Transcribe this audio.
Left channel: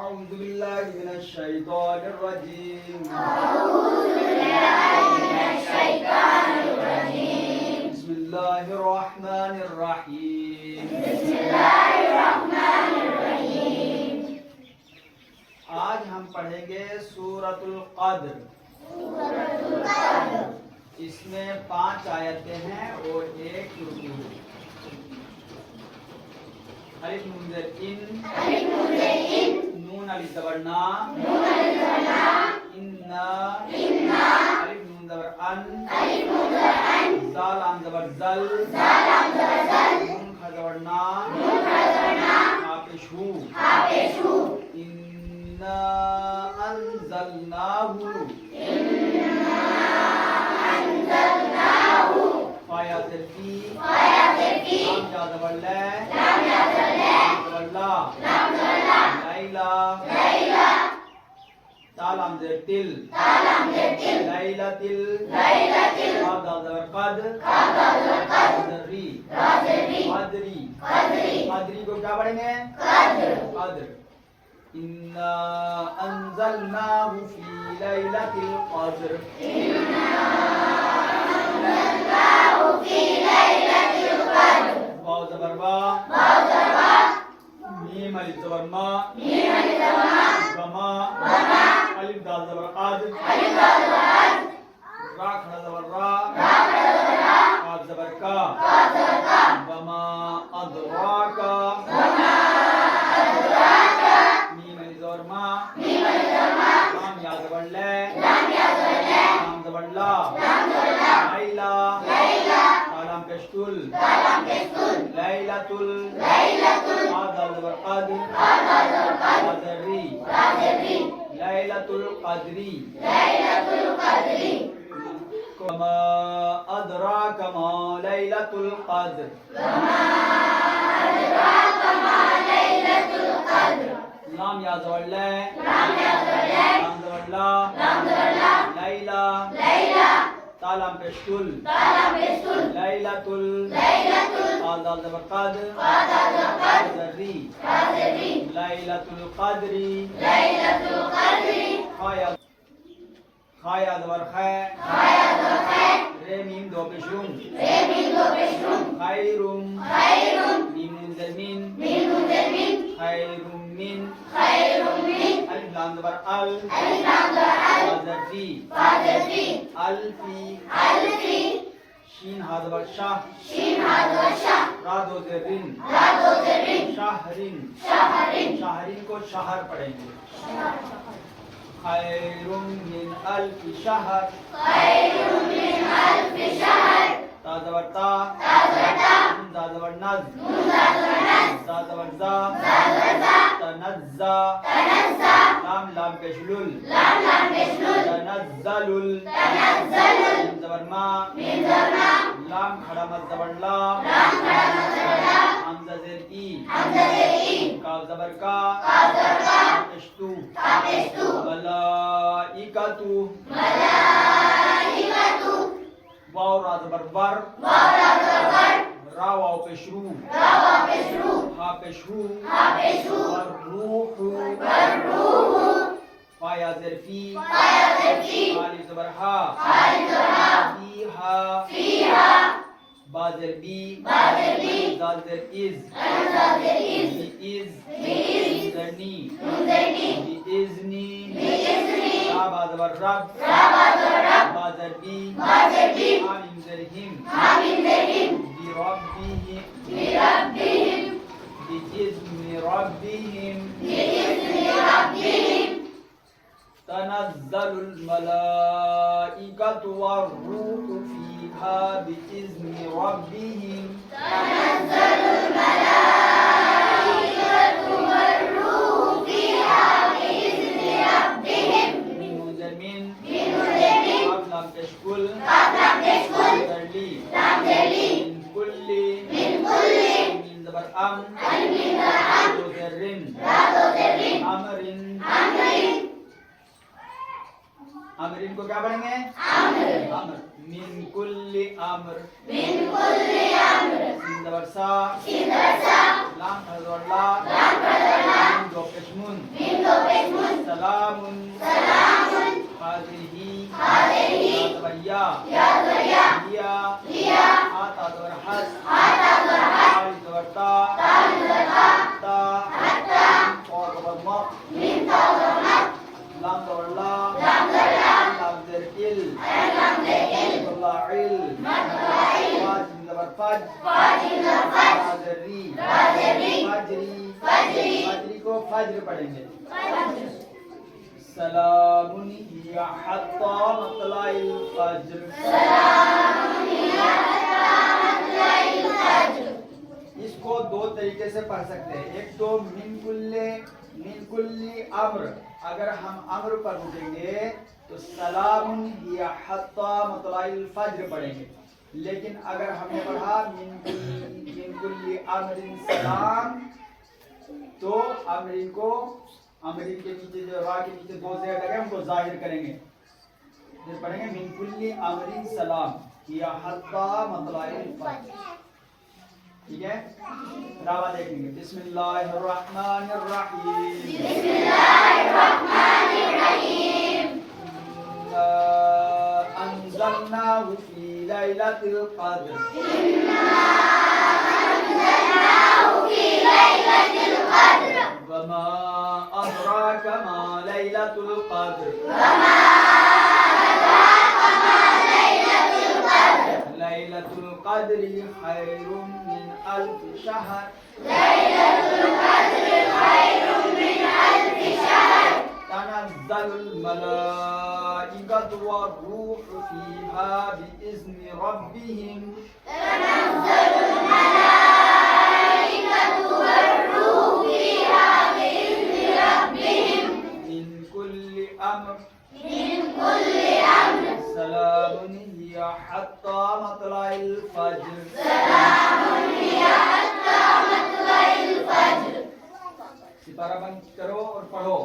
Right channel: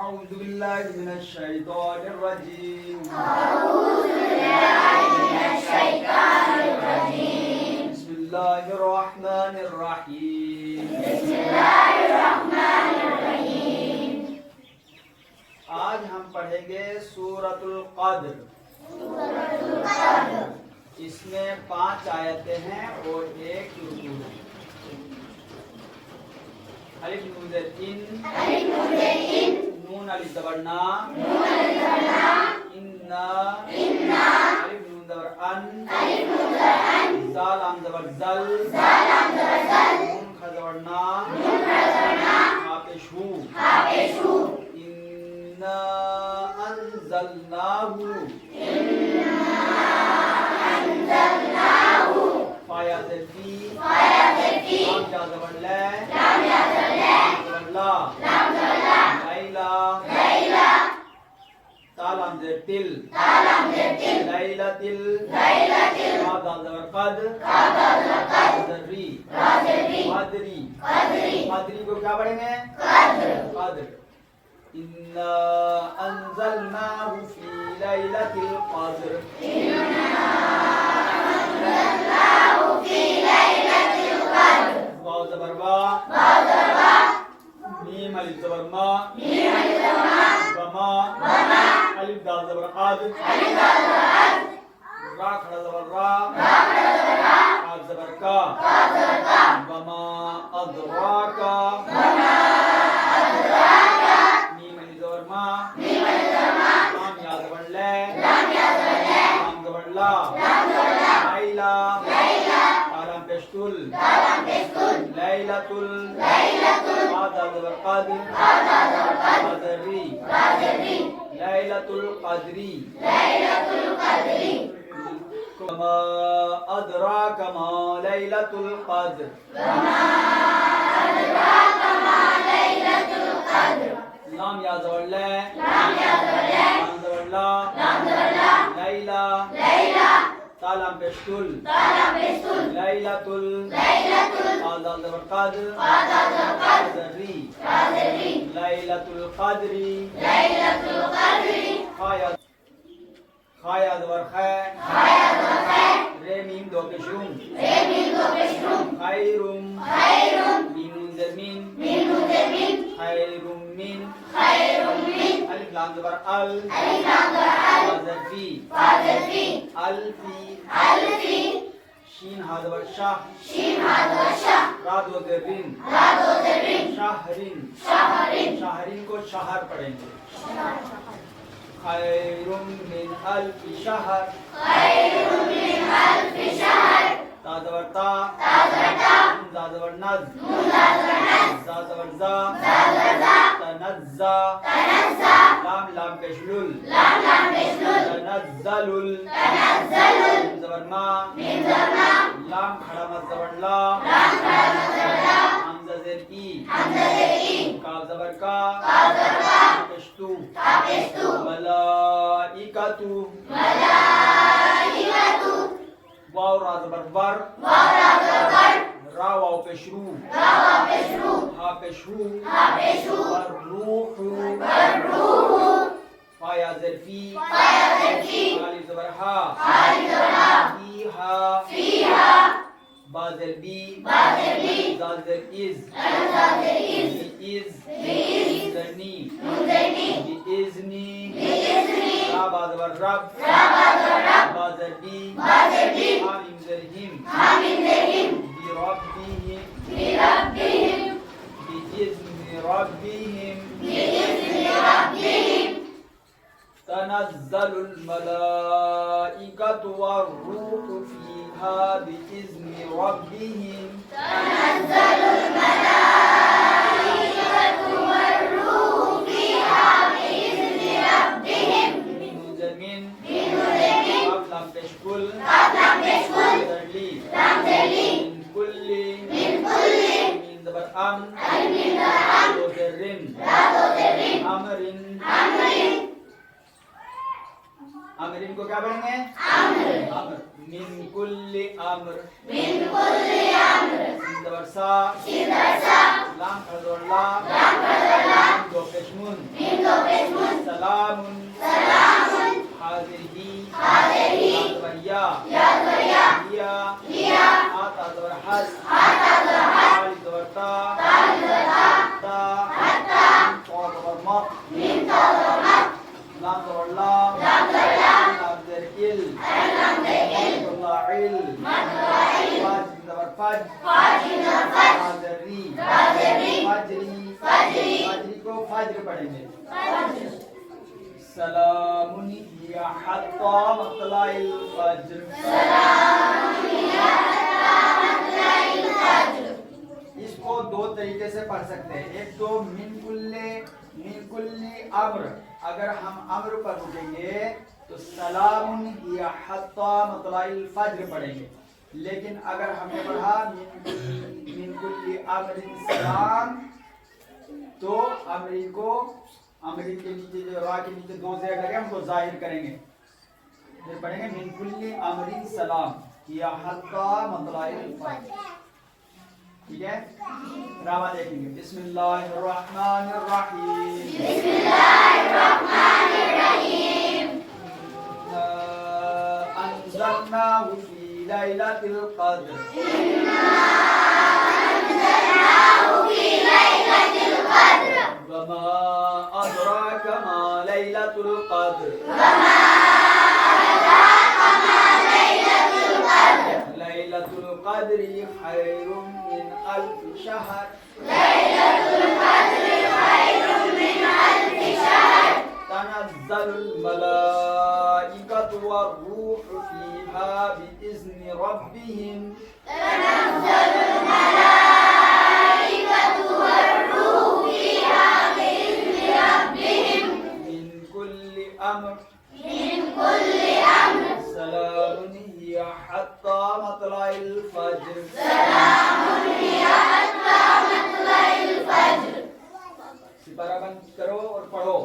أعوذ بالله من الشيطان الرجيم بسم الله الرحمن الرحيم आज हम पढ़ेंगे सूरतुल क़द्र। इसमें 5 आयतें हैं और 1 रुकू है। अलिफ नून ज़ेर इन, नून अलिफ ज़बर ना, इन्ना, अलिफ नून ज़बर अन, ज़ाल लाम ज़बर ज़ल, नून खा ज़बर ना, हा पेश हू, इन्ना अंज़लनाहु, फा या ज़ेर फी, लाम या ज़बर लै, लैला, तालाम ज़ेर तिल, लैलातिल, क़ा दाल ज़बर क़द, ज़र्री, क़द्री को क्या पढ़ेंगे? क़द्र। इन्ना अंज़लनाहु फी लैलतिल क़द्र, वाव ज़बर वा, मीम अलिफ ज़बर मा, वमा, अलिफ दाल ज़बर अद, रा खड़ा ज़बर रा, काफ ज़बर का, वमा अदराका, मीम अलिफ ज़बर मा, लाम या ज़बर लै, लाम ज़बर ला, लैला, लाम पेशतुल, लैलातुल, क़ा दाल ज़बर क़द, ज़र्री, लैलातुल क़द्री, वमा अदराका मा लैलातुल क़द्र, लाम या ज़बर लै, लाम ज़बर ला, लैला, ता लाम पेशतुल, लैलातुल, क़ा दाल ज़बर क़द, ज़र्री, लैलातुल क़द्री, खा या ज़बर खै, रे मीम दो पेशुम, खैरुम, मीम नून ज़ेर मिन, खैरुम मिन, अलिफ लाम ज़बर अल, ज़ेर फी, अल्फी, शीन हा ज़बर शाह, रा दो ज़ेर रिन, शाहरिन, शाहरिन को शहर पढ़ेंगे। खैरुम मिन अल्फि शहर, ता ज़बर ता, नून ज़ा ज़बर नज़, ज़ा ज़बर ज़ा, तनज़्ज़ा, लाम लाम पेशलुल, तनज़्ज़लुल, मीम ज़बर मा, लाम खड़ा मद ज़बर ला, हमज़ा ज़ेर ई, काफ ज़बर का, पेशतु, मलाइकतु, वाव रा ज़बर वर, रा वाव पेशरू, हा पेशू, रूहु, फा या ज़ेर फी, अलिफ ज़बर हा, फीहा, बा ज़ेर बी, ज़ाल ज़ेर इज़, ज़नी, बिइज़नी, रा बा ज़बर रब, बा ज़ेर बी, हा मीम ज़ेर हिम, बिरब्बिहिम, बिइज़नि रब्बिहिम, तनज़्ज़लुल मलाइकतु वर्रूहु फीहा बिइज़नि रब्बिहिम, मीम नून ज़ेर मिन, काफ लाम पेशकुल, ज़रली, मिन कुल्ली, मीम ज़बर अम, दो ज़ेर रिन, अमरिन, अमरिन को क्या पढ़ेंगे? अम्र, मिन कुल्ली अम्र, सिन ज़बर सा, लाम ज़बर ला, मीम दो पेश मुन, सलामुन हाज़िही या हिया आता ज़बर हस ताल ज़बर ता और ज़बर मक लाम ज़बर ला लाम ज़बर इल इल ज़बर फज फजरी को फज्र पढ़ेंगे सलामुन हिया हत्ता मतलाइल फज्र इसको दो तरीके से पढ़ सकते हैं। एक तो मिन कुल्ली अम्र, अगर हम अम्र पर रुकेंगे तो सलामुन हिया हत्ता मतलाइल फज्र पढ़ेंगे। लेकिन अगर हमने पढ़ा मिन कुल्ली अम्रिन सलाम तो अम्रिन के नीचे जो रा के नीचे दो ज़ेर लगे उनको जाहिर करेंगे। फिर पढ़ेंगे मिन कुल्ली अम्रिन सलाम या हत्ता मतलाइल फज्र। ठीक है, रावा देखेंगे। बिस्मिल्लाहिर्रहमानिर्रहीम अंज़लनाहु फी लैलतिल क़द्र वमा अदराका मा लैलतुल क़द्र लैलतुल क़द्रि खैरुम मिन अल्फ शहर तनज़्ज़लुल मलाइकतु वर्रूहु फ़ीहा बिइज़्नि रब्बिहिम मिन कुल्ली अम्र सलामुन हिया हत्ता मतलाइल फज्र सिपारा बंद करो और पढ़ो।